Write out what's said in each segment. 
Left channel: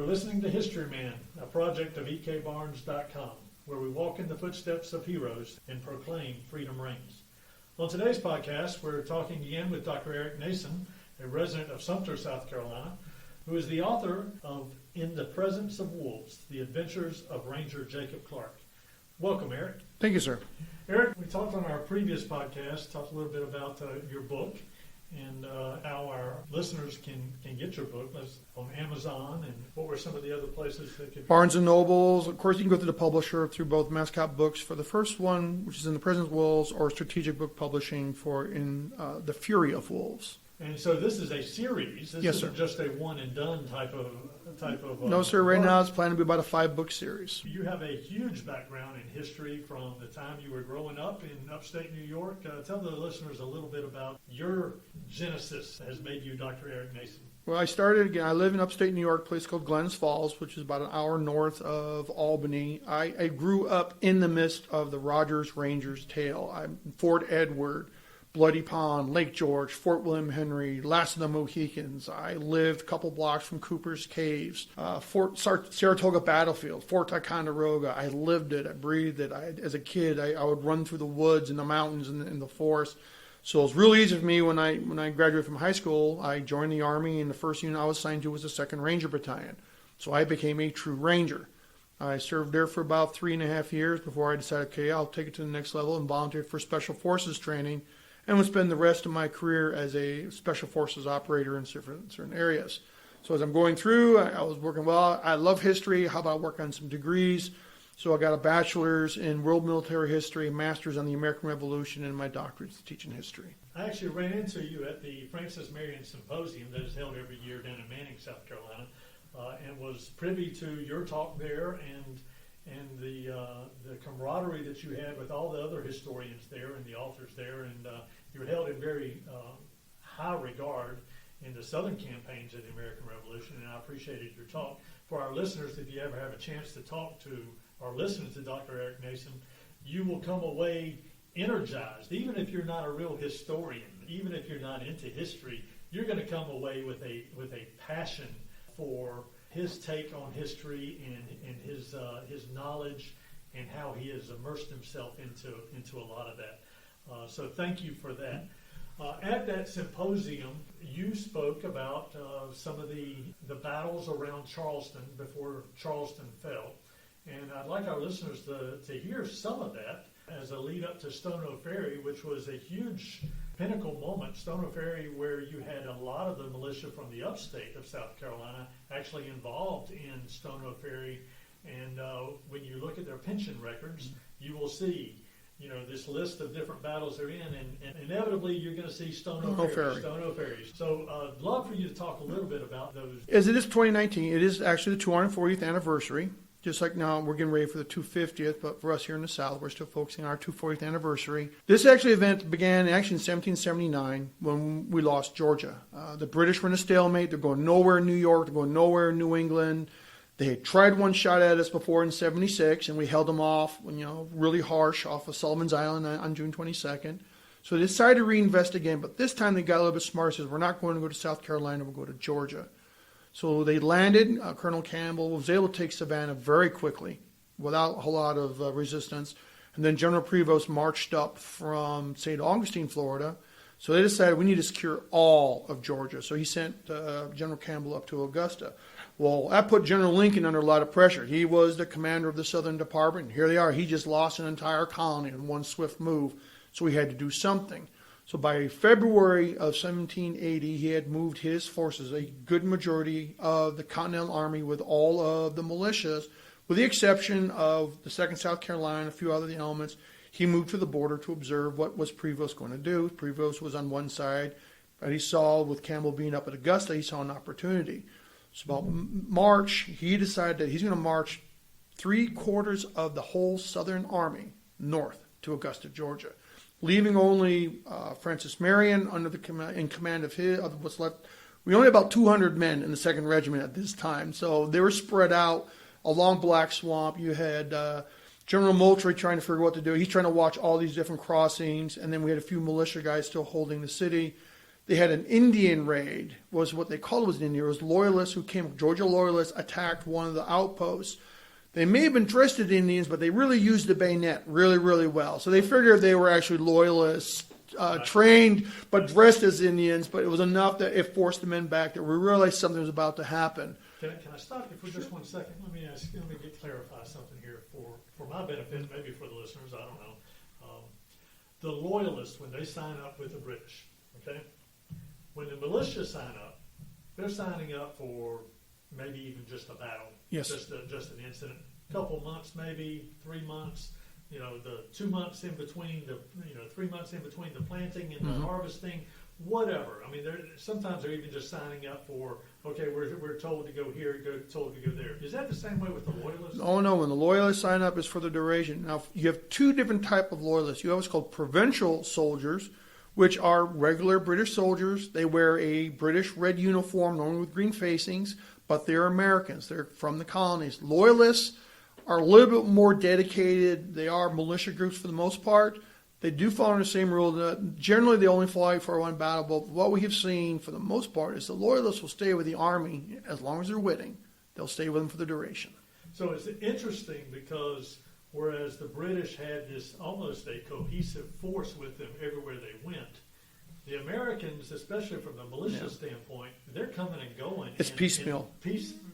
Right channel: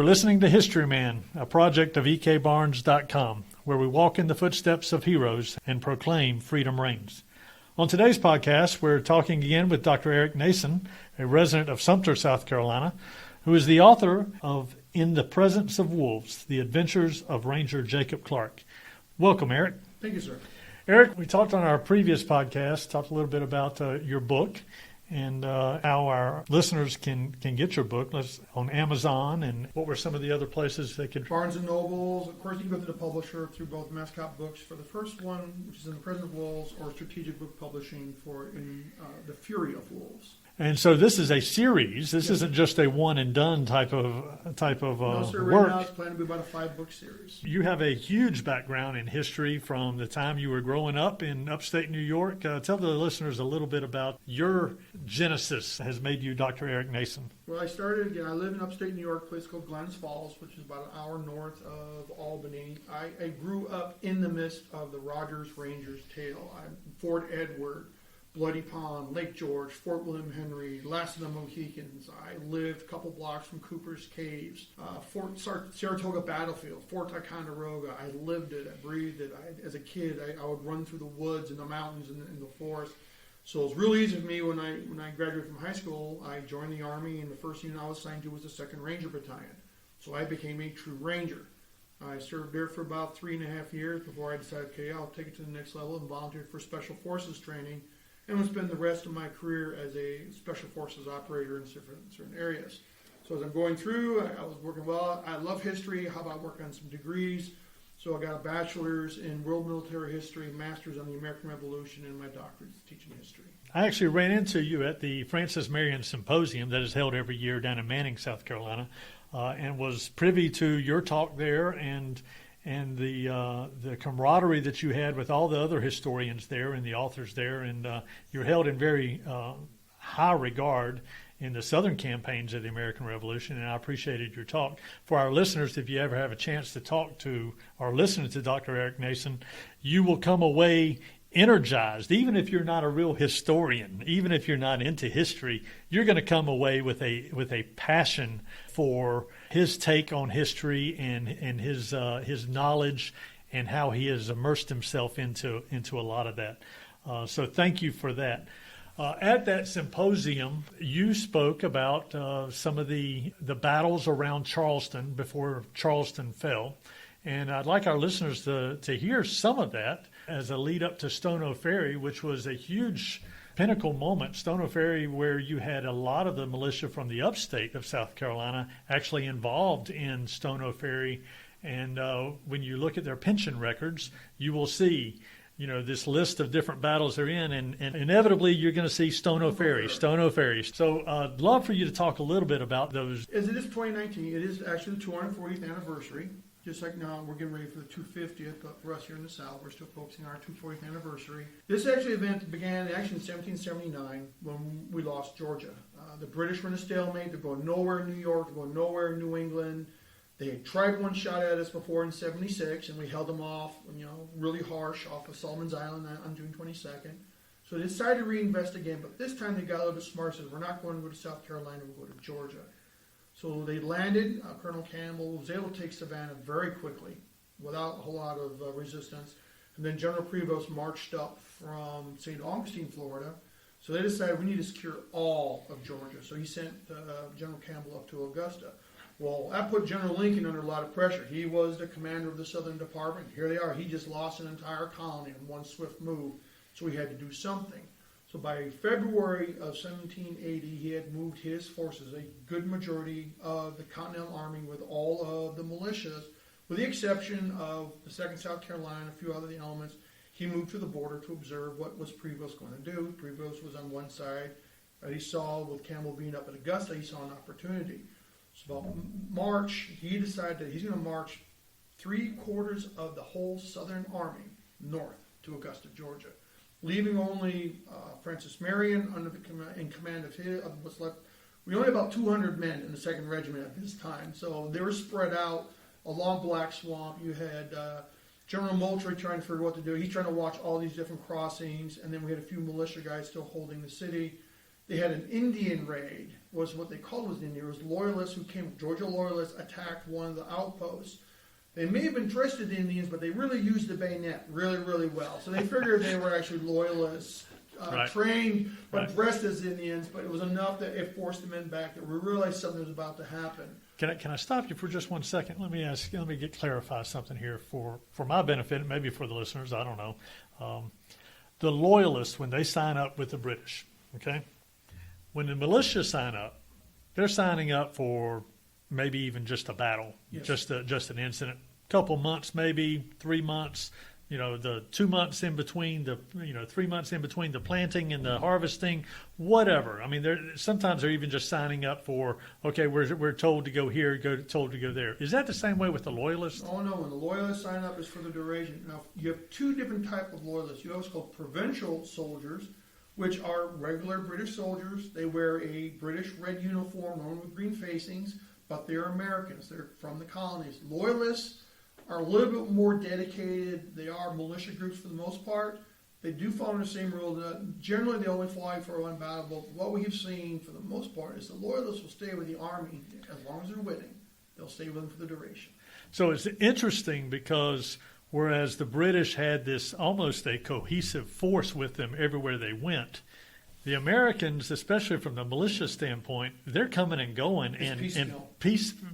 are listening to Historyman, a project of ekbarnes.com, where we walk in the footsteps of heroes and proclaim freedom reigns. On today's podcast, we're talking again with Dr. Erick Nason, a resident of Sumter, South Carolina, who is the author of In the Presence of Wolves, The Adventures of Ranger Jacob Clark. Welcome, Erick. Thank you, sir. Erick, we talked on our previous podcast, talked a little bit about your book and how our listeners can get your book on Amazon, and what were some of the other places they could... Barnes & Nobles. Of course, you can go through the publisher through both Mascot Books for the first one, which is In the Presence of Wolves, or Strategic Book Publishing for In the Fury of Wolves. And so this is a series. This Yes, isn't sir. just a one and done type of No, sir. Right work. now it's planning to be about a 5-book series. You have a huge background in history from the time you were growing up in upstate New York. Tell the listeners a little bit about your genesis has made you Dr. Erick Nason. Well, I live in upstate New York, a place called Glens Falls, which is about an hour north of Albany. I grew up in the midst of the Rogers Rangers tale. I'm Fort Edward, Bloody Pond, Lake George, Fort William Henry, Last of the Mohicans. I lived a couple blocks from Cooper's Caves, Fort Saratoga Battlefield, Fort Ticonderoga. I lived it. I breathed it. As a kid, I would run through the woods and the mountains and the forest. So it was real easy for me when I graduated from high school. I joined the Army, and the first unit I was assigned to was the 2nd Ranger Battalion. So I became a true Ranger. I served there for about 3.5 years before I decided, okay, I'll take it to the next level and volunteer for Special Forces training, and would spend the rest of my career as a Special Forces operator in certain areas. So as I'm going through, I was working, well, I love history. How about work on some degrees? So I got a bachelor's in world military history, a master's on the American Revolution, and my doctorate is teaching history. I actually ran into you at the Francis Marion Symposium that is held every year down in Manning, South Carolina, and was privy to your talk there and the camaraderie that you had with all the other historians there and the authors there, and you're held in very high regard in the Southern campaigns of the American Revolution, and I appreciated your talk. For our listeners, if you ever have a chance to talk to or listen to Dr. Erick Nason, you will come away energized. Even if you're not a real historian, even if you're not into history, you're going to come away with a passion for his take on history and his knowledge and how he has immersed himself into a lot of that. So thank you for that. At that symposium, you spoke about some of the battles around Charleston before Charleston fell. And I'd like our listeners to hear some of that as a lead up to Stono Ferry, which was a huge pinnacle moment. Stono Ferry, where you had a lot of the militia from the upstate of South Carolina actually involved in Stono Ferry. And when you look at their pension records, you will see this list of different battles they're in, and inevitably you're going to see Stono Ferry. So I'd love for you to talk a little bit about those. As it is 2019, it is actually the 240th anniversary. Just like now, we're getting ready for the 250th, but for us here in the South, we're still focusing on our 240th anniversary. This event began in 1779 when we lost Georgia. The British were in a stalemate. They're going nowhere in New York. They're going nowhere in New England. They had tried one shot at us before in 76, and we held them off, really harsh off of Sullivan's Island on June 22nd. So they decided to reinvest again, but this time they got a little bit smart. Says, we're not going to go to South Carolina, we'll go to Georgia. So they landed. Colonel Campbell was able to take Savannah very quickly without a whole lot of resistance. And then General Prevost marched up from St. Augustine, Florida. So they decided we need to secure all of Georgia. So he sent General Campbell up to Augusta. Well, that put General Lincoln under a lot of pressure. He was the commander of the Southern Department. Here they are. He just lost an entire colony in one swift move. So he had to do something. So by February of 1780, he had moved his forces, a good majority of the Continental Army with all of the militias, with the exception of the 2nd South Carolina and a few other elements. He moved to the border to observe what was Prevost going to do. Prevost was on one side, but he saw, with Campbell being up at Augusta, he saw an opportunity. So about March, he decided that he's going to march 3/4 of the whole Southern Army north to Augusta, Georgia, leaving only Francis Marion in command of what's left. We only had about 200 men in the 2nd Regiment at this time, so they were spread out along Black Swamp. You had General Moultrie trying to figure what to do. He's trying to watch all these different crossings, and then we had a few militia guys still holding the city. They had an Indian raid, was what they called it, was an Indian. It was loyalists who came, Georgia loyalists attacked one of the outposts. They may have been dressed as Indians, but they really used the bayonet really, really well. So they figured they were actually loyalists, Right. trained, but Right. dressed as Indians. But it was enough that it forced the men back that we realized something was about to happen. Can I stop you for just 1 second? Let me clarify something here for my benefit, maybe for the listeners. I don't know. The loyalists, when they sign up with the British, okay, when the militia sign up, they're signing up for maybe even just a battle, Yes. just an incident, couple months, maybe 3 months. The 2 months in between 3 months in between the planting and the harvesting, whatever. I mean, sometimes they're even just signing up for, okay, we're told to go here, told to go there. Is that the same way with the loyalists? Oh no, when the loyalists sign up, it's for the duration. Now, you have two different type of loyalists. You have what's called provincial soldiers, which are regular British soldiers. They wear a British red uniform, normally with green facings, but they're Americans. They're from the colonies. Loyalists are a little bit more dedicated. They are militia groups for the most part. They do follow the same rule. Generally, they only fly for one battle, but what we have seen for the most part is the loyalists will stay with the army as long as they're winning. They'll stay with them for the duration. So it's interesting because whereas the British had this almost a cohesive force with them everywhere they went, the Americans, especially from the militia standpoint, they're coming and going. It's piecemeal.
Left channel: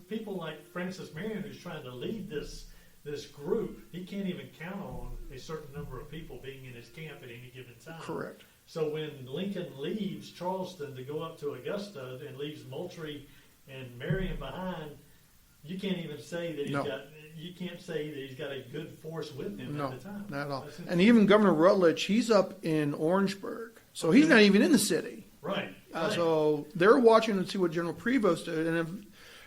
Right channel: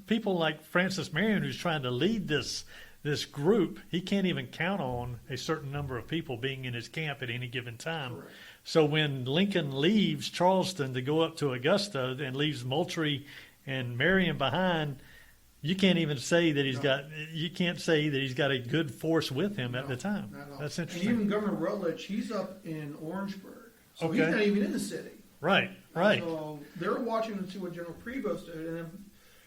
People like Francis Marion, who's trying to lead this group, he can't even count on a certain number of people being in his camp at any given time. Correct. So when Lincoln leaves Charleston to go up to Augusta and leaves Moultrie and Marion behind, you can't even say that he's got a good force with him at the time. Not at all. That's And interesting. even Governor Rutledge, he's up in Orangeburg, so he's Okay. not even in the city. Right. So they're watching to see what General Prevost did, and if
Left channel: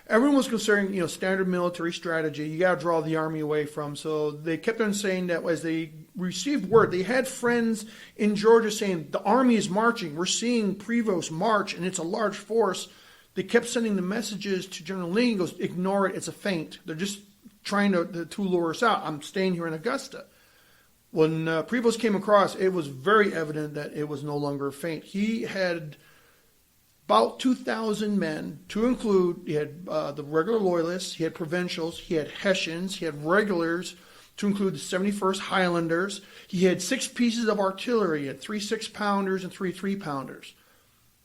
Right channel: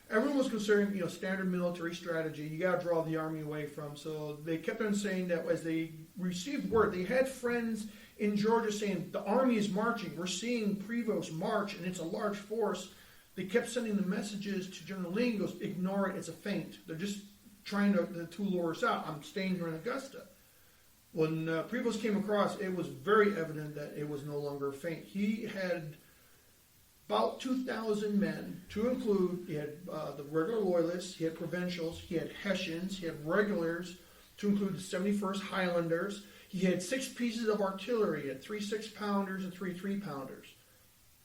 everyone was considering, standard military strategy. You got to draw the army away from. So they kept on saying that as they received word, they had friends in Georgia saying the army is marching. We're seeing Prevost march, and it's a large force. They kept sending the messages to General Lee. He goes, ignore it. It's a feint. They're just trying to lure us out. I'm staying here in Augusta. When Prevost came across, it was very evident that it was no longer a feint. He had about 2,000 men, to include, he had the regular loyalists, he had provincials, he had Hessians, he had regulars, to include the 71st Highlanders. He had 6 pieces of artillery, he had 3 6-pounders and 3 3-pounders.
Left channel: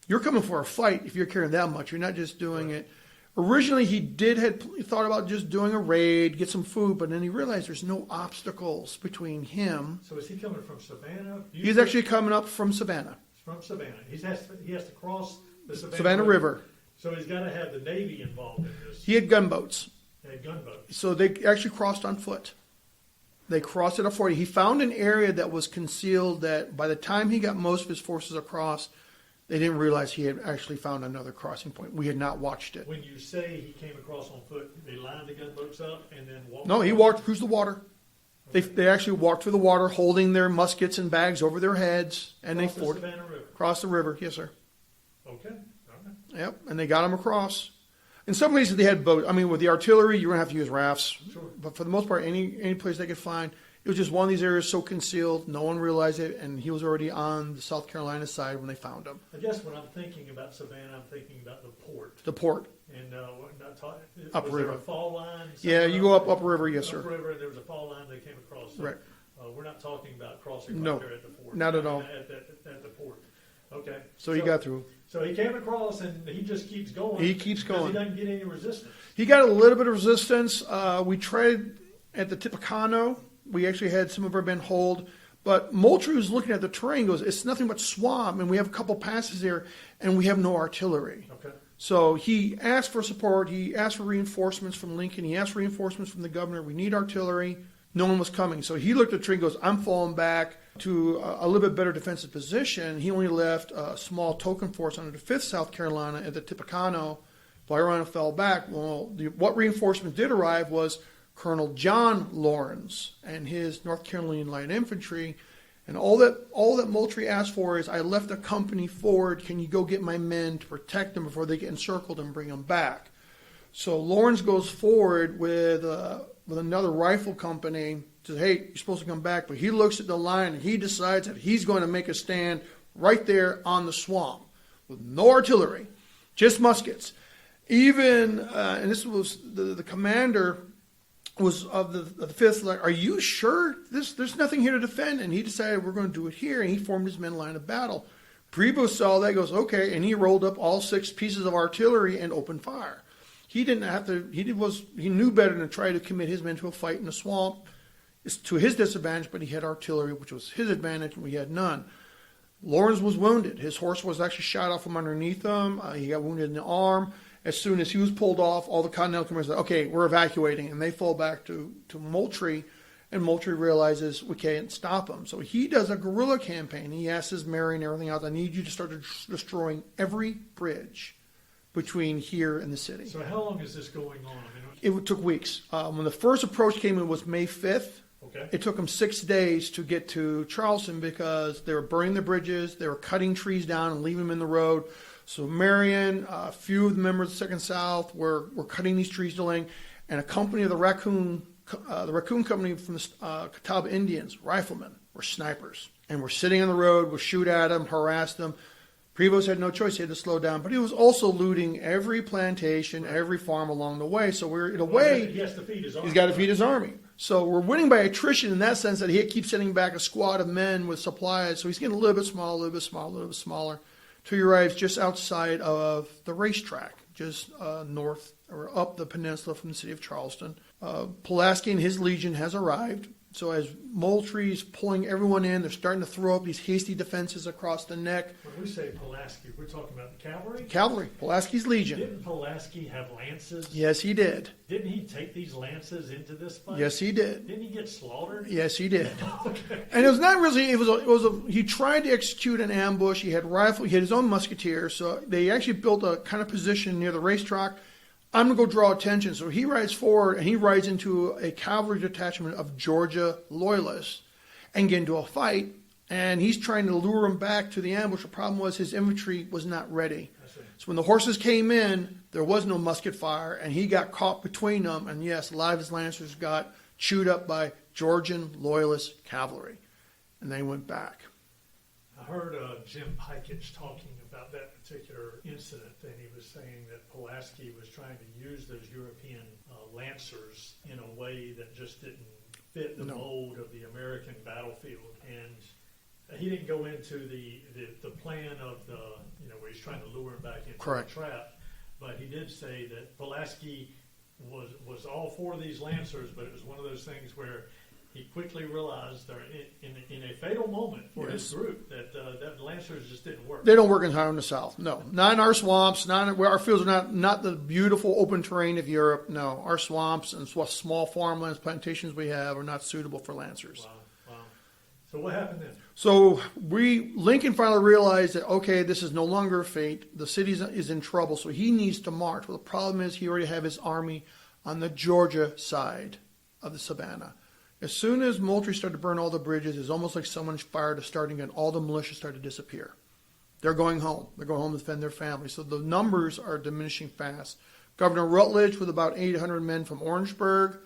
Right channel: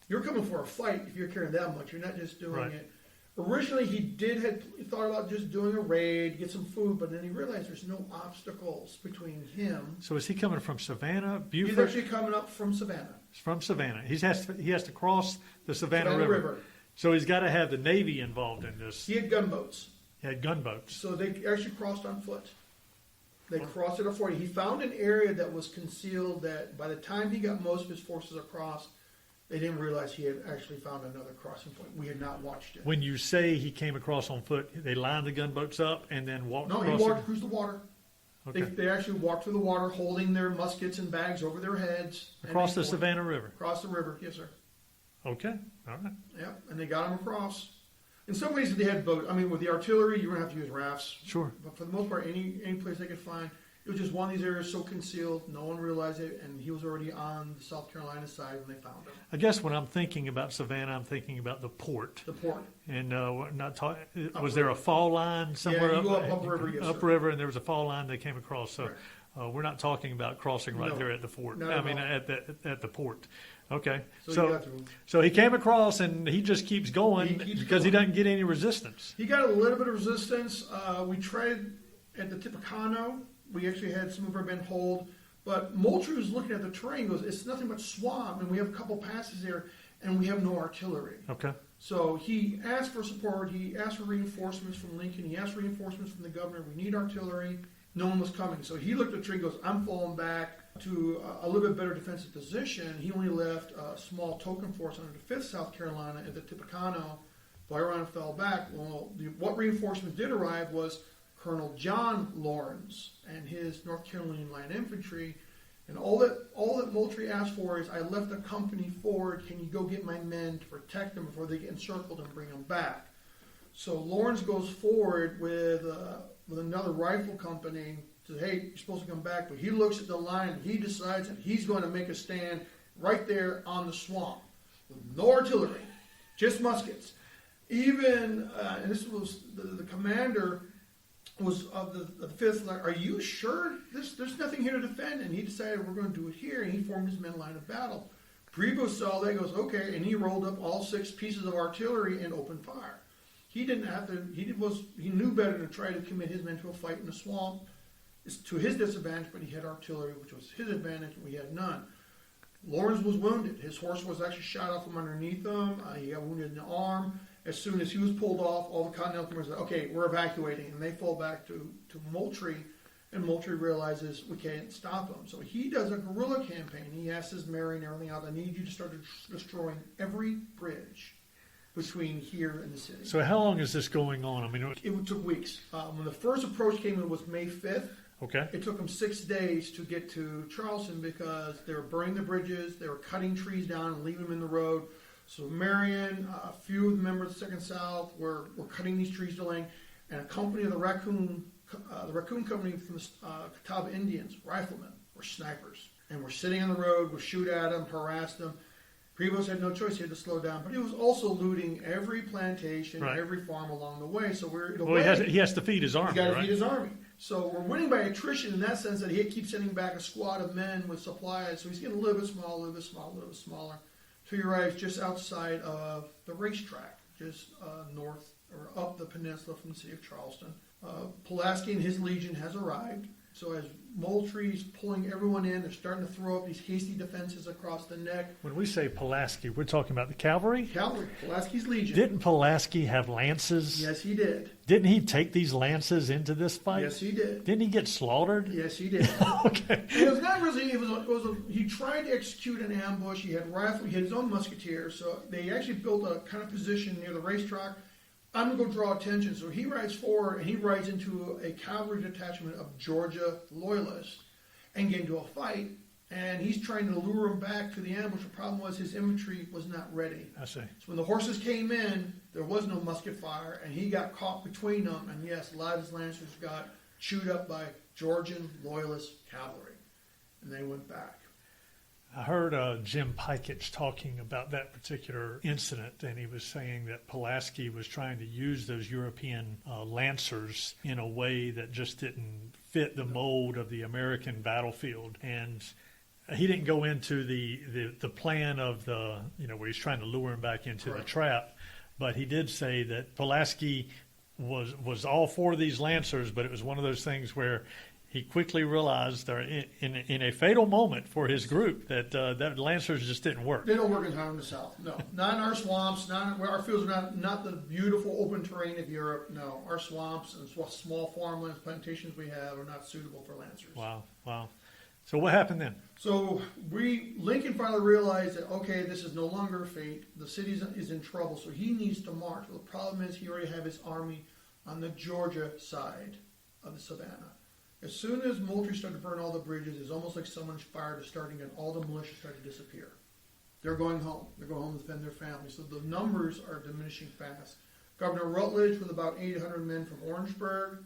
You're coming for a fight if you're carrying that much. You're not just doing it. Originally, he had thought about just doing a raid, get some food, but then he realized there's no obstacles between him. So is he coming from Savannah? Beaufort? He's actually coming up from Savannah. From Savannah. He has to cross the Savannah River. So he's got to have the Navy involved in this. He had gunboats. He had gunboats. So they actually crossed on foot. They crossed it up for you. He found an area that was concealed that by the time he got most of his forces across, they didn't realize he had actually found another crossing point. We had not watched it. When you say he came across on foot, they lined the gunboats up and then walked. No, he across walked them? through the water. Okay. They actually walked through the water holding their muskets and bags over their heads. Across they the Savannah River. Across the river, yes, sir. Okay, all right. Yep, and they got them across. In some places they had boats. I mean, with the artillery, you're going to have to use rafts. Sure. But for the most part, any place they could find, it was just one of these areas so concealed, no one realized it, and he was already on the South Carolina side when they found him. I guess when I'm thinking about Savannah, I'm thinking about the port. The port. And we're not talking. Was Upriver. there a fall line somewhere? Yeah, you go upriver, yes, sir. Upriver, and there was a fall line they came across. So Right. we're not talking about crossing right No, there at the fort. not at all. At the port. Okay. So he got through. So he came across, and he just keeps going. He keeps because going. he doesn't get any resistance. He got a little bit of resistance. We tried at the Tippecanoe. We actually had some of our men hold. But Moultrie was looking at the terrain, goes, it's nothing but swamp, and we have a couple passes there, and we have no artillery. Okay. So he asked for support. He asked for reinforcements from Lincoln. He asked for reinforcements from the governor. We need artillery. No one was coming. So he looked at the tree and goes, I'm falling back to a little bit better defensive position. He only left a small token force under the 5th South Carolina at the Tippecanoe. Byron fell back. Well, what reinforcements did arrive was Colonel John Lawrence and his North Carolina Light Infantry. And all that Moultrie asked for is, I left a company forward. Can you go get my men to protect them before they get encircled and bring them back? So Lawrence goes forward with another rifle company. Says, hey, you're supposed to come back. But he looks at the line and he decides that he's going to make a stand right there on the swamp. with no artillery, just muskets. Even, and this was the commander was of the fifth, like, are you sure there's nothing here to defend? And he decided we're going to do it here, and he formed his men line of battle. Prevost saw that, goes, okay, and he rolled up all 6 pieces of artillery and opened fire. He didn't have to, he knew better than to try to commit his men to a fight in the swamp. It's to his disadvantage, but he had artillery, which was his advantage, and we had none. Lawrence was wounded. His horse was actually shot off from underneath him. He got wounded in the arm. As soon as he was pulled off, all the Continental commanders said, okay, we're evacuating. And they fall back to Moultrie, and Moultrie realizes we can't stop him. So he does a guerrilla campaign. He asks his Mary and everything else, I need you to start destroying every bridge between here and the city. So how long is this going on? I mean, It took weeks. When the first approach came in was May 5th. okay. It took them 6 days to get to Charleston because they were burning the bridges, they were cutting trees down and leaving them in the road. So Marion, a few of the members of the Second South were cutting these trees, delaying, and a company of the Raccoon Company from the Catawba Indians, riflemen, were snipers, and were sitting on the road, would shoot at them, harass them. Prevost had no choice; he had to slow down. But he was also looting every plantation, right. every farm along the way. So we're in a Well, way he has to feed his army. he's got to right? feed his army. So we're winning by attrition in that sense that he keeps sending back a squad of men with supplies. So he's getting a little bit smaller, a little bit smaller, a little bit smaller, till he arrives just outside of the racetrack, just north or up the peninsula from the city of Charleston. Pulaski and his legion has arrived. So as Moultrie's pulling everyone in, they're starting to throw up these hasty defenses across the neck. When we say Pulaski, we're talking about the cavalry? Cavalry, Pulaski's legion. Didn't Pulaski have lances? Yes, he did. Didn't he take these lances into this fight? Yes, he did. Didn't he get slaughtered? Yes, he did. Okay. And it was not really. He tried to execute an ambush. He had rifle. He had his own musketeers. So they actually built a kind of position near the racetrack. I'm going to go draw attention. So he rides forward, and he rides into a cavalry detachment of Georgia loyalists and get into a fight. And he's trying to lure him back to the ambush. The problem was his infantry was not ready. I see. So when the horses came in, there was no musket fire, and he got caught between them. And yes, a lot of his lancers got chewed up by Georgian loyalist cavalry, and they went back. I heard Jim Piketch talking about that particular incident, and he was saying that Pulaski was trying to use those European lancers in a way that just didn't fit the mold of the American battlefield. And he didn't go into the plan of where he's trying to lure him back into Correct. the trap, but he did say that Pulaski was all for these lancers, but it was one of those things where he quickly realized in a fatal moment for his group that lancers just didn't work. They don't work entirely in the South. No, not in our swamps. Where our fields are not the beautiful open terrain of Europe. No, our swamps and small farmlands, plantations we have are not suitable for lancers. Wow. So what happened then? So Lincoln finally realized that, okay, this is no longer a fate. The city is in trouble, so he needs to march. Well, the problem is he already had his army on the Georgia side of the Savannah. As soon as Moultrie started to burn all the bridges, it's almost like someone fired a starting gun. All the militia started to disappear. They're going home. They're going home to defend their families. So the numbers are diminishing fast. Governor Rutledge, with about 800 men from Orangeburg,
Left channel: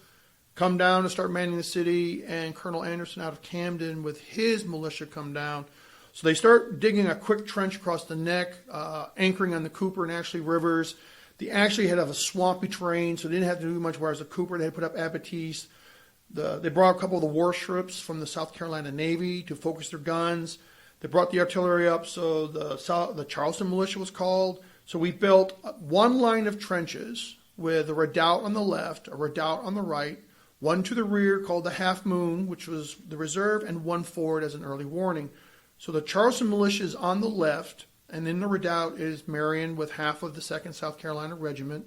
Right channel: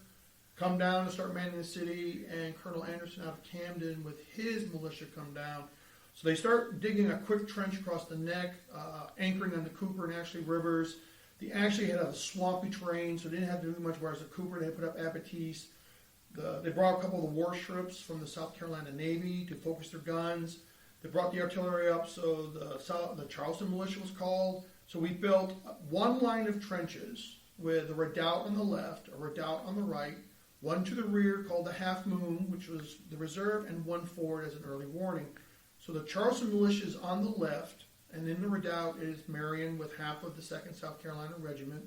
come down to start manning the city, and Colonel Anderson out of Camden with his militia come down. So they start digging a quick trench across the neck, anchoring on the Cooper and Ashley rivers. They actually had a swampy terrain, so they didn't have to do much, whereas the Cooper, they had put up abatis. They brought a couple of the warships from the South Carolina Navy to focus their guns. They brought the artillery up, so the Charleston militia was called. So we built one line of trenches with a redoubt on the left, a redoubt on the right, one to the rear called the Half Moon, which was the reserve, and one forward as an early warning. So the Charleston militia is on the left, and in the redoubt is Marion with half of the 2nd South Carolina Regiment.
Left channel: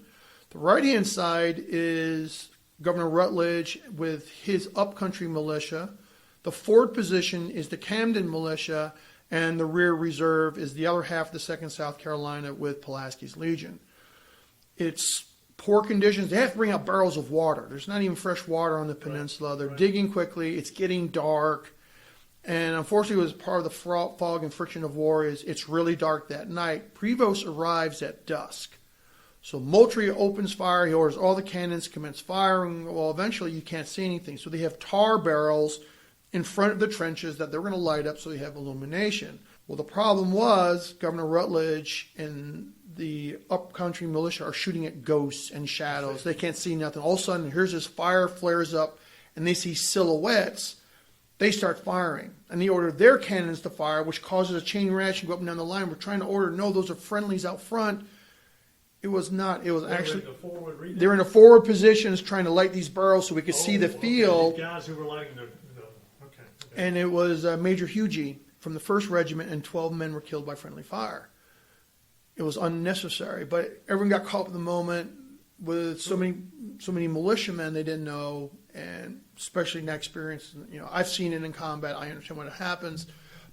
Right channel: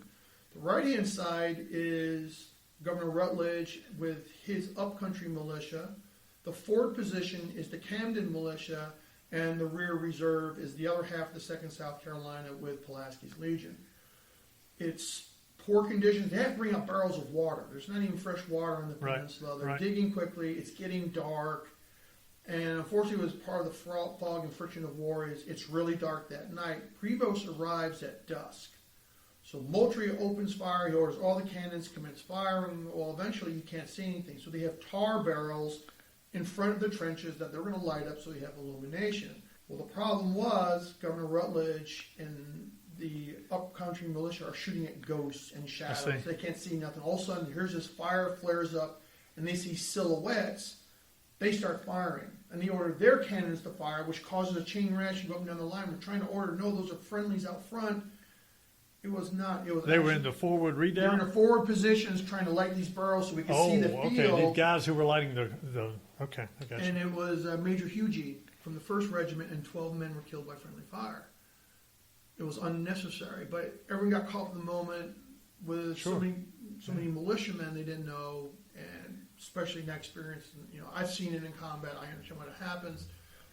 The right-hand side is Governor Rutledge with his upcountry militia. The forward position is the Camden militia, and the rear reserve is the other half of the 2nd South Carolina with Pulaski's Legion. It's poor conditions. They have to bring out barrels of water. There's not even fresh water on the peninsula. They're digging quickly. It's getting dark. And unfortunately, it was part of the fog and friction of war is it's really dark that night. Prevost arrives at dusk. So Moultrie opens fire. He orders all the cannons commence firing. Well, eventually you can't see anything. So they have tar barrels in front of the trenches that they're going to light up so they have illumination. Well, the problem was Governor Rutledge and the upcountry militia are shooting at ghosts and shadows. They can't see nothing. All of a sudden, here's this fire flares up, and they see silhouettes. They start firing, and they order their cannons to fire, which causes a chain reaction to go up and down the line. We're trying to order, no, those are friendlies out front. It was not. It was They actually, were in the forward redoubt? They're in a forward positions trying to light these barrels so we could see the field. Okay. These guys who were lighting the okay. And it was Major Hugie from the 1st Regiment, and 12 men were killed by friendly fire. It was unnecessary, but everyone got caught up in the moment with so many militiamen they didn't know, and especially not experienced. I've seen it in combat. I understand what happens,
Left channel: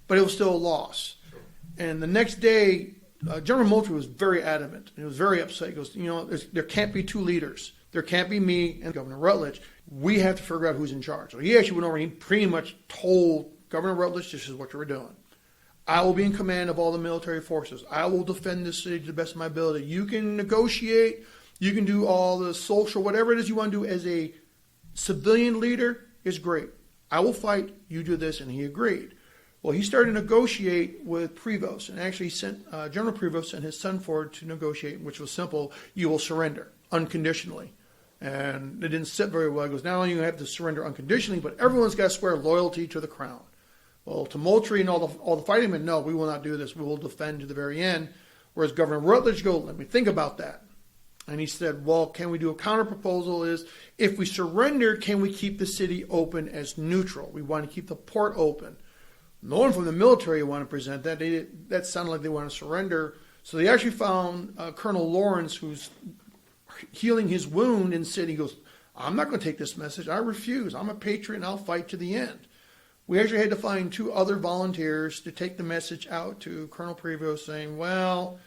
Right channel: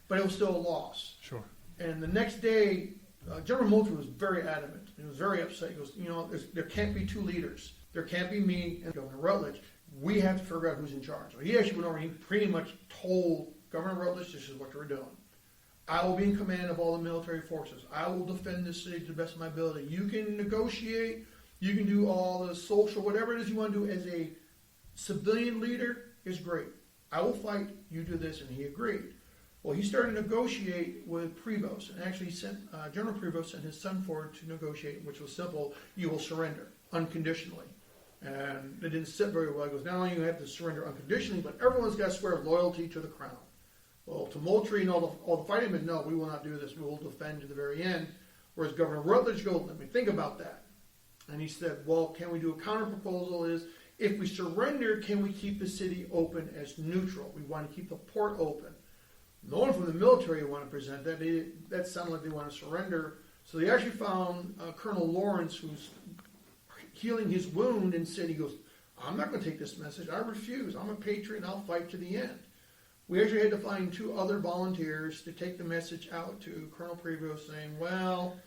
but it was still a loss. Sure. And the next day, General Moultrie was very adamant. He was very upset. He goes, there can't be 2 leaders. There can't be me and Governor Rutledge. We have to figure out who's in charge. So he actually went over and he pretty much told Governor Rutledge, this is what you're doing. I will be in command of all the military forces. I will defend this city to the best of my ability. You can negotiate. You can do all the social, whatever it is you want to do as a civilian leader is great. I will fight. You do this. And he agreed. Well, he started to negotiate with Prevost, and actually sent General Prevost and his son forward to negotiate, which was simple. You will surrender unconditionally. And it didn't sit very well. He goes, not only do you have to surrender unconditionally, but everyone's got to swear loyalty to the crown. Well, to Moultrie and all the fighting men, no, we will not do this. We will defend to the very end. Whereas Governor Rutledge goes, let me think about that. And he said, well, can we do a counter proposal is, if we surrender, can we keep the city open as neutral? We want to keep the port open. No one from the military wanted to present that. That sounded like they wanted to surrender. So they actually found Colonel Lawrence, who's healing his wound, and said, he goes, I'm not going to take this message. I refuse. I'm a patriot, and I'll fight to the end. We actually had to find 2 other volunteers to take the message out to Colonel Prevost saying, well,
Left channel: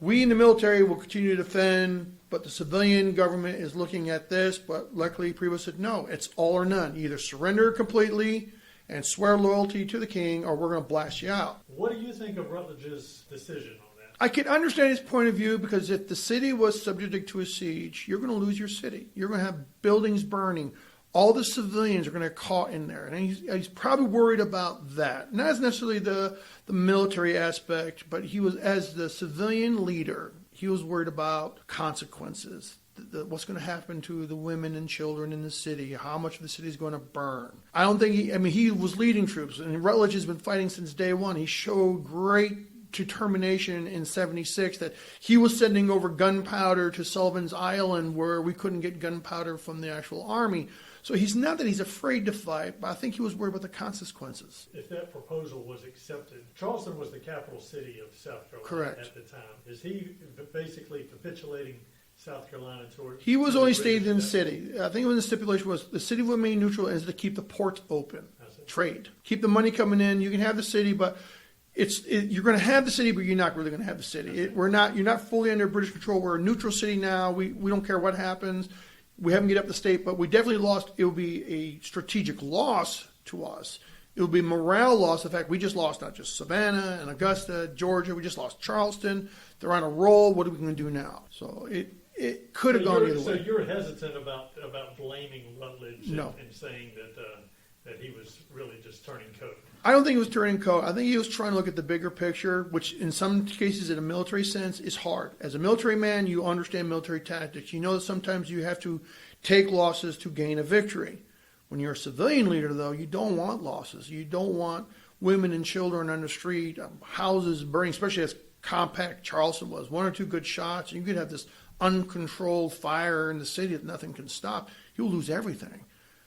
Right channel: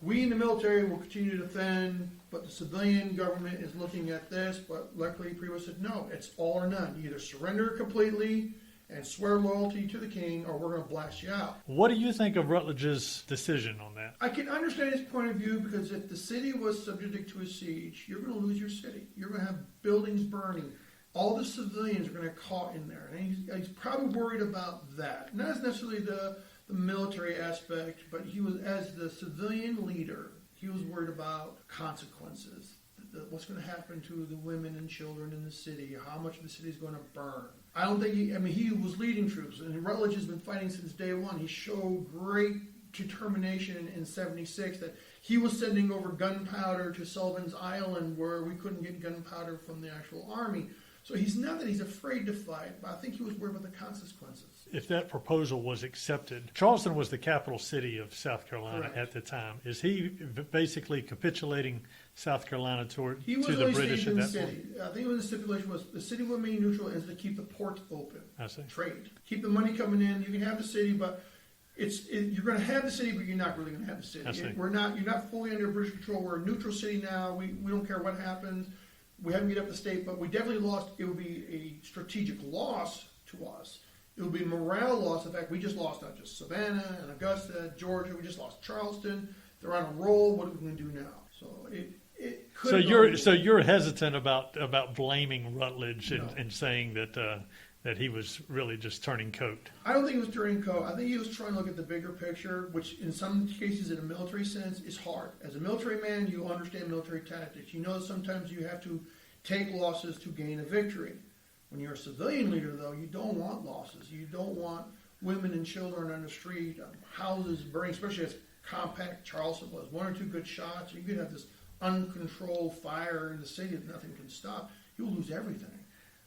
we in the military will continue to defend, but the civilian government is looking at this. But luckily, Prevost said, no, it's all or none. Either surrender completely and swear loyalty to the king, or we're going to blast you out. What do you think of Rutledge's decision on that? I can understand his point of view, because if the city was subject to a siege, you're going to lose your city. You're going to have buildings burning. All the civilians are going to get caught in there. And he's probably worried about that. Not as necessarily the military aspect, but he was, as the civilian leader, he was worried about consequences. What's going to happen to the women and children in the city, how much of the city is going to burn. I don't think he was leading troops, and Rutledge has been fighting since day one. He showed great determination in 76 that he was sending over gunpowder to Sullivan's Island, where we couldn't get gunpowder from the actual army. So he's not that he's afraid to fight, but I think he was worried about the consequences. If that proposal was accepted, Charleston was the capital city of South Carolina. Correct. At the time. Is he basically capitulating South Carolina toward? He was only staying in the city. I think the stipulation was the city will remain neutral and is to keep the ports open. I see. Trade. Keep the money coming in. You can have the city, but you're going to have the city, but you're not really going to have the city. You're not fully under British control. We're a neutral city now. We don't care what happens. We haven't get up the state, but we definitely lost. It will be a strategic loss to us. It will be morale loss. In fact, we just lost not just Savannah and Augusta, Georgia. We just lost Charleston. They're on a roll. What are we going to do now? So it could have gone. So you're hesitant about blaming Rutledge and saying that he was really just turning coat. I don't think he was turning coat. I think he was trying to look at the bigger picture, which in some cases in a military sense is hard. As a military man, you understand military tactics. You know that sometimes you have to take losses to gain a victory. When you're a civilian leader, though, you don't want losses. You don't want women and children on the street, houses burning, especially as compact Charleston was. 1 or 2 good shots, and you could have this uncontrolled fire in the city that nothing can stop. You'll lose everything.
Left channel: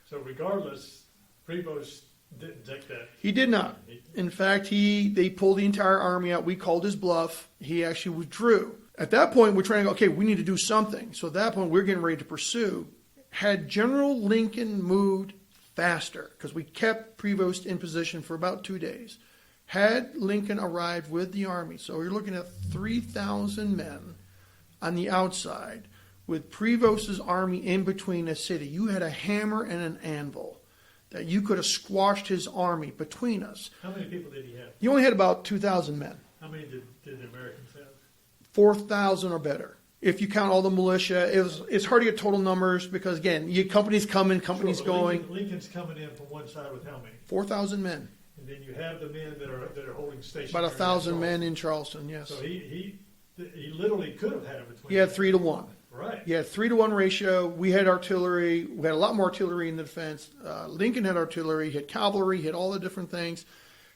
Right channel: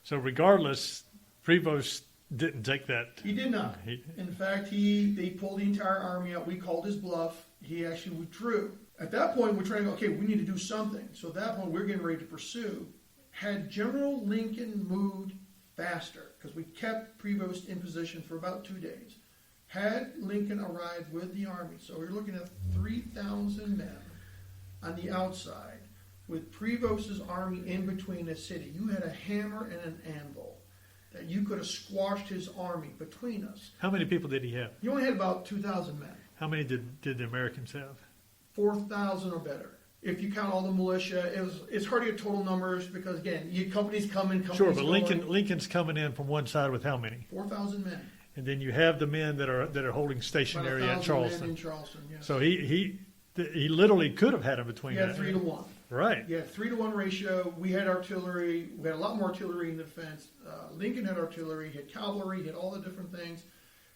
So regardless, Prevost didn't take that. He did not. In fact, they pulled the entire army out. We called his bluff. He actually withdrew. At that point, we're trying to go, okay, we need to do something. So at that point, we're getting ready to pursue. Had General Lincoln moved faster, because we kept Prevost in position for about 2 days, had Lincoln arrived with the army, so you're looking at 3,000 men on the outside, with Prevost's army in between the city, you had a hammer and an anvil that you could have squashed his army between us. How many people did he have? He only had about 2,000 men. How many did the Americans have? 4,000 or better. If you count all the militia, it's hard to get total numbers because, again, companies come in, companies sure, but going. Lincoln's coming in from one side with how many? 4,000 men. and then you have the men that are holding stationary About at 1,000 men Charleston. in Charleston, yes. So he literally could have had them between. He had that. 3 to 1. Right. He had 3 to 1 ratio. We had artillery. We had a lot more artillery in the defense. Lincoln had artillery. He had cavalry. He had all the different things.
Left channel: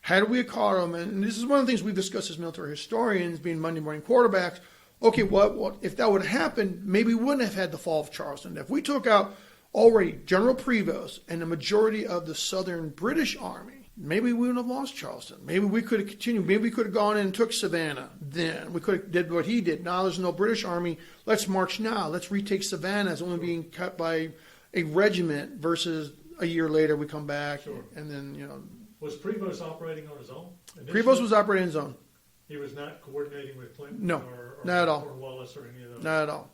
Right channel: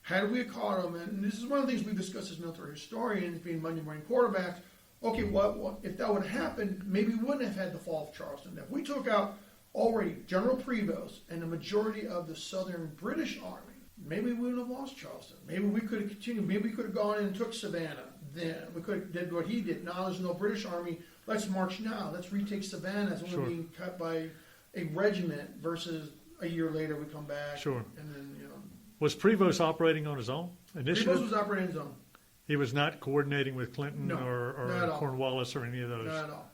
Had we caught him, and this is one of the things we've discussed as military historians, being Monday morning quarterbacks. Okay, what if that would have happened? Maybe we wouldn't have had the fall of Charleston. If we took out already General Prevost and the majority of the Southern British Army, maybe we wouldn't have lost Charleston. Maybe we could have continued. Maybe we could have gone in and took Savannah. Then we could have did what he did. Now there's no British Army. Let's march now. Let's retake Savannah. It's only being cut by a regiment versus a year later we come back. Sure. And then Was Prevost operating on his own initially? Prevost was operating his own. He was not coordinating with Clinton No, or not at all. Cornwallis or any of those. Not at all.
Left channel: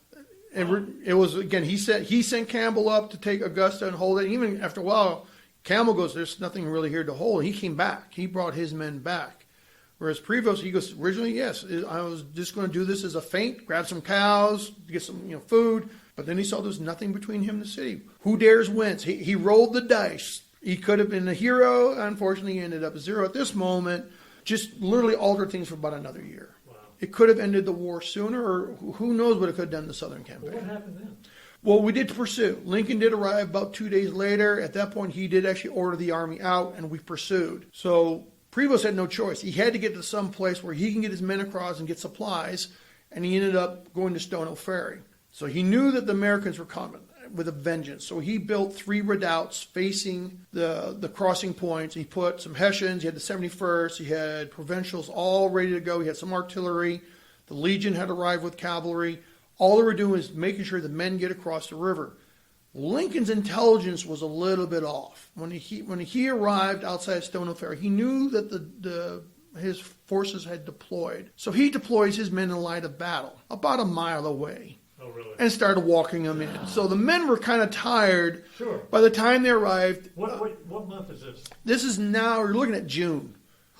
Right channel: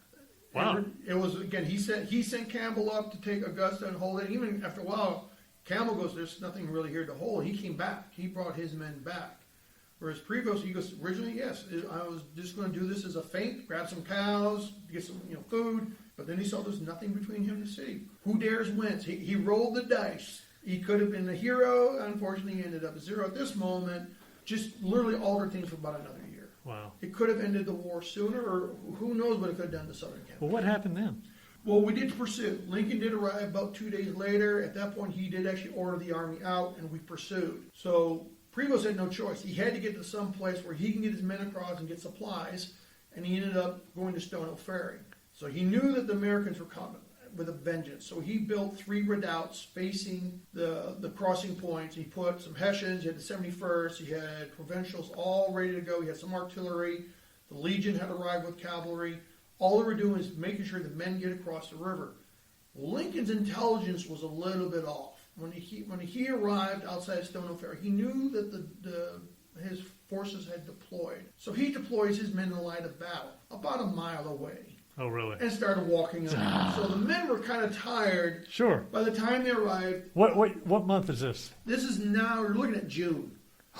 Wow. It was, again, he sent Campbell up to take Augusta and hold it. Even after a while, Campbell goes, there's nothing really here to hold. He came back. He brought his men back. Whereas Prevost, he goes, originally, yes, I was just going to do this as a feint, grab some cows, get some food. But then he saw there's nothing between him and the city. Who dares wins? He rolled the dice. He could have been a hero. Unfortunately, he ended up a 0 at this moment. Just literally altered things for about another year. Wow. It could have ended the war sooner, or who knows what it could have done to the Southern campaign. Well, what happened then? Well, we did pursue. Lincoln did arrive about 2 days later. At that point, he did actually order the army out, and we pursued. So Prevost had no choice. He had to get to some place where he can get his men across and get supplies, and he ended up going to Stono Ferry. So he knew that the Americans were coming with a vengeance. So he built 3 redoubts facing the crossing points. He put some Hessians, he had the 71st, he had provincials all ready to go. He had some artillery. The Legion had arrived with cavalry. All they were doing is making sure the men get across the river. Lincoln's intelligence was a little bit off. When he arrived outside Stono Ferry, he knew that his forces had deployed. So he deploys his men in line of battle about a mile away. Oh, really? And started walking them in. So the men were kind of tired. Sure. By the time they arrived, What month is this? this is now, we're looking at June.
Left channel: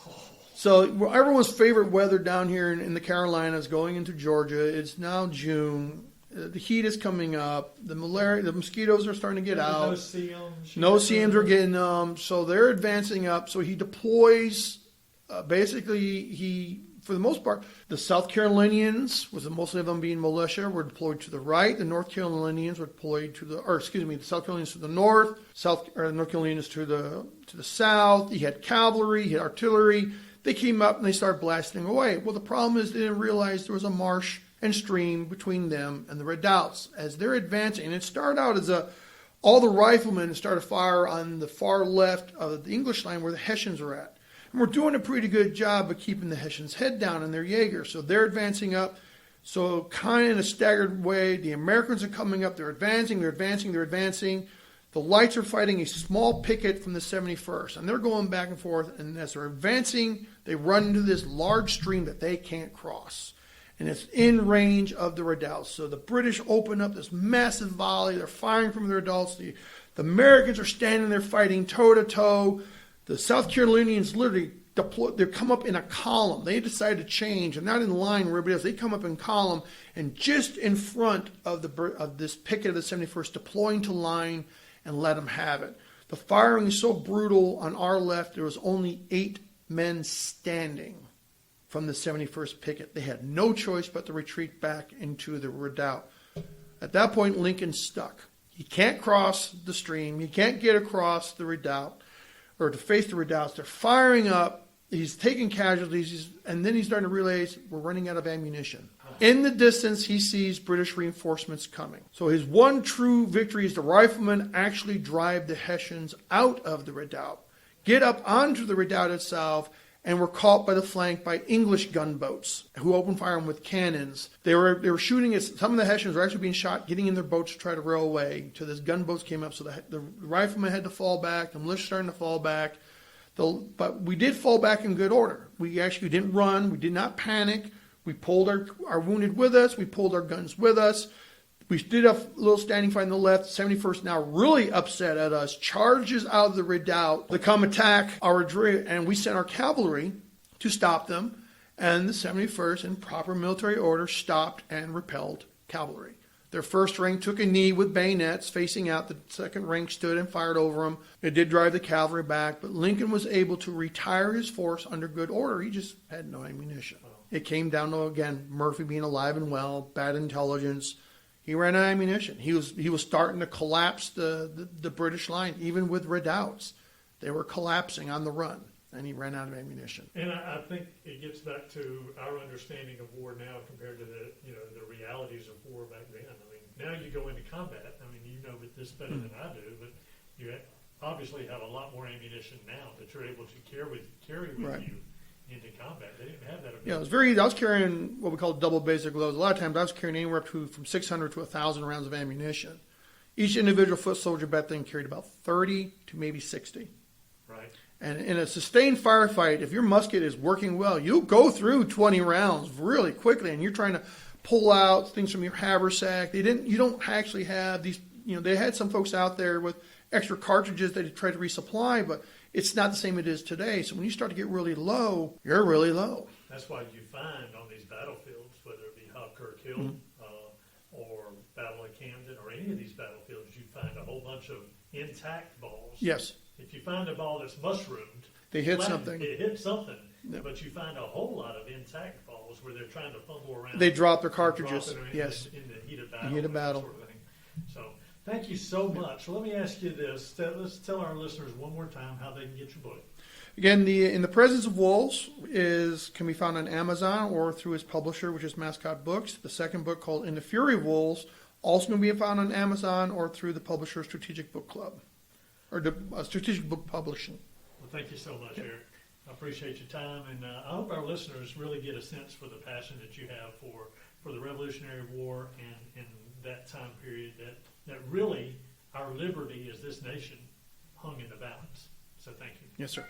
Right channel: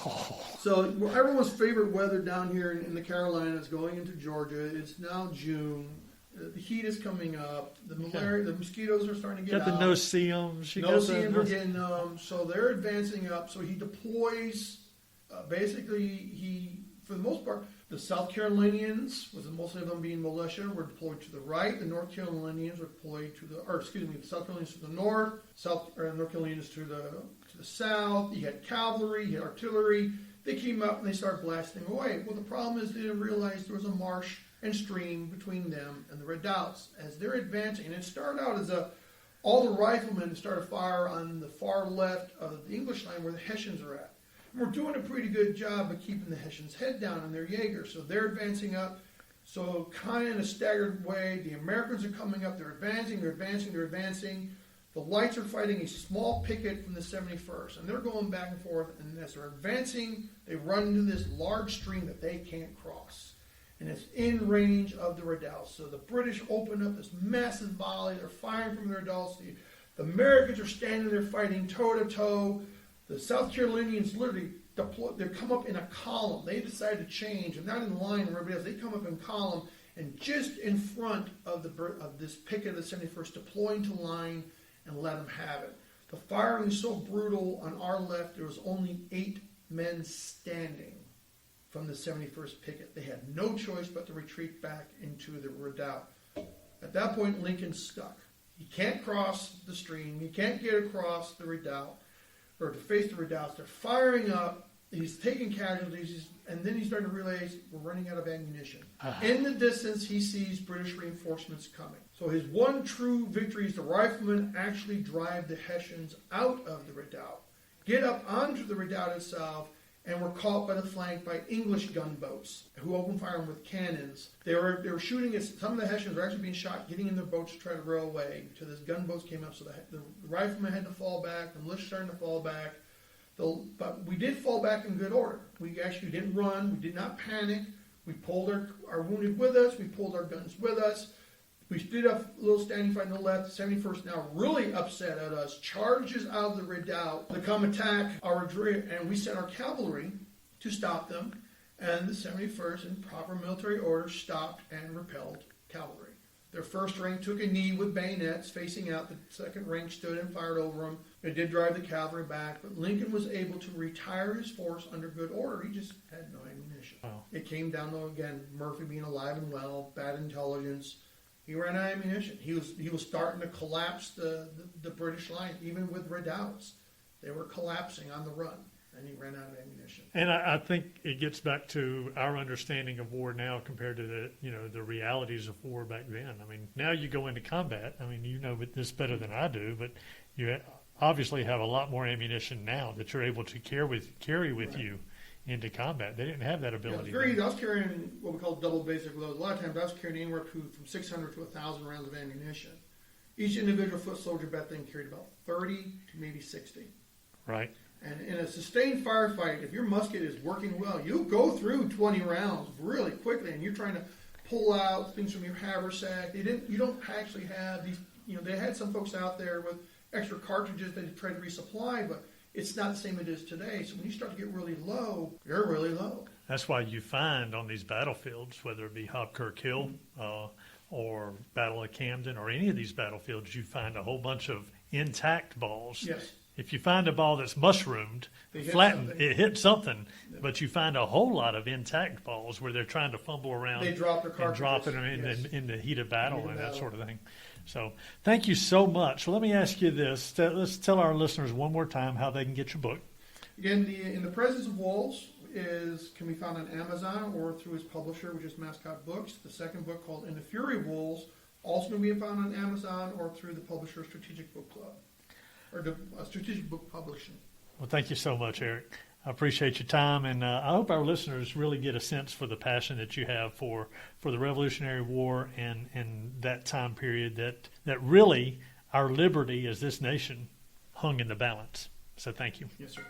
Oh, So everyone's favorite weather down here in the Carolinas going into Georgia, it's now June. The heat is coming up. The mosquitoes are starting to get got out. the no-see-ums. No-see-ums are getting so they're advancing up. So he deploys, for the most part, the South Carolinians, with mostly of them being militia, were deployed to the right. The North Carolinians were deployed the South Carolinians to the north, the North Carolinians to the south. He had cavalry, he had artillery. They came up and they started blasting away. Well, the problem is they didn't realize there was a marsh and stream between them and the redoubts. As they're advancing, and it started out as all the riflemen started fire on the far left of the English line where the Hessians were at. And we're doing a pretty good job of keeping the Hessians' head down and their Jaegers. So they're advancing up. So kind of in a staggered way, the Americans are coming up. They're advancing. The Lights are fighting a small picket from the 71st. And they're going back and forth. And as they're advancing, they run into this large stream that they can't cross. And it's in range of the redoubts. So the British open up this massive volley. They're firing from their redoubts. The Americans are standing there fighting toe-to-toe. The South Carolinians literally they come up in a column. They decided to change. They're not in line with everybody else. They come up in column, and just in front of this picket of the 71st, deploying to line and let them have it. The firing is so brutal on our left, there was only 8 men standing from the 71st picket. They had no choice but to retreat back into the redoubt. At that point, Lincoln's stuck. He can't cross the stream. He can't get across the redoubt, or to face the redoubts. They're firing up. He's taking casualties, and then he's starting to realize we're running out of ammunition. In the distance, he sees British reinforcements coming. So his one true victory is the riflemen actually drive the Hessians out of the redoubt, get up onto the redoubt itself, and were caught by the flank by English gunboats who opened fire with cannons. They were shooting at some of the Hessians were actually being shot, getting in their boats to try to row away. So this gunboats came up, so the riflemen had to fall back. The militia started to fall back. But we did fall back in good order. We actually didn't run. We did not panic. We pulled our wounded with us. We pulled our guns with us. We did a little standing fight on the left. 71st, now really upset at us, charges out of the redoubt to come attack our rear, and we sent our cavalry to stop them. And the 71st, in proper military order, stopped and repelled cavalry. Their first ring took a knee with bayonets facing out. The second ring stood and fired over them. It did drive the cavalry back, but Lincoln was able to retire his force under good order. He just had no ammunition. Wow. It came down to, again, Murphy being alive and well, bad intelligence. He ran out of ammunition. He was starting to collapse the British line, even with redoubts. They were collapsing on the run, and he ran out of ammunition. And I think it gets back to our understanding of war now compared to the realities of war back then. I mean, now you go into combat. I mean, you know this better than I do, but you obviously have a lot more ammunition now that you're able to carry with Right. you into combat. They didn't have that ability. Yeah, it was very. I was carrying what we call double basic loads. A lot of times I was carrying anywhere up to from 600 to 1,000 rounds of ammunition. Each individual foot soldier back then carried about 30 to maybe 60. Right. And in a sustained firefight, if your musket is working well, you'll go through 20 rounds really quickly, and you're trying to pull out things from your haversack. You don't actually have these. They had some folks out there with extra cartridges that they tried to resupply, but it's not the same it is today. So when you start to get really low, you're really low. That's why you find on these battlefields, whether it be Hobkirk Hill or Battle of Camden or any of these battlefields, you find a whole bunch of intact balls. Yes. If you find a ball that's mushroomed, They hit flattened, something. it hit something. But you find a whole lot of intact balls where they're trying to fumble around. They drop their and cartridges. drop it in, Yes. in the heat of battle Heat of and that battle. sort of thing. So thank you so much. Well, let me ask you this. Let's tell our listeners one more time how they can get your book. Again, In the Presence of Wolves can be found on Amazon or through his publisher, which is Mascot Books. The second book, called In the Fury of Wolves, also can be found on Amazon or through the publisher Strategic Book Club, or the Strategic Book Publishing. Well, thank you so much, Eric. I appreciate your time, and I hope our listeners really get a sense for the passion that you have for the Revolutionary War and that time period that really our liberty as this nation hung in the balance. So thank you. Yes, sir.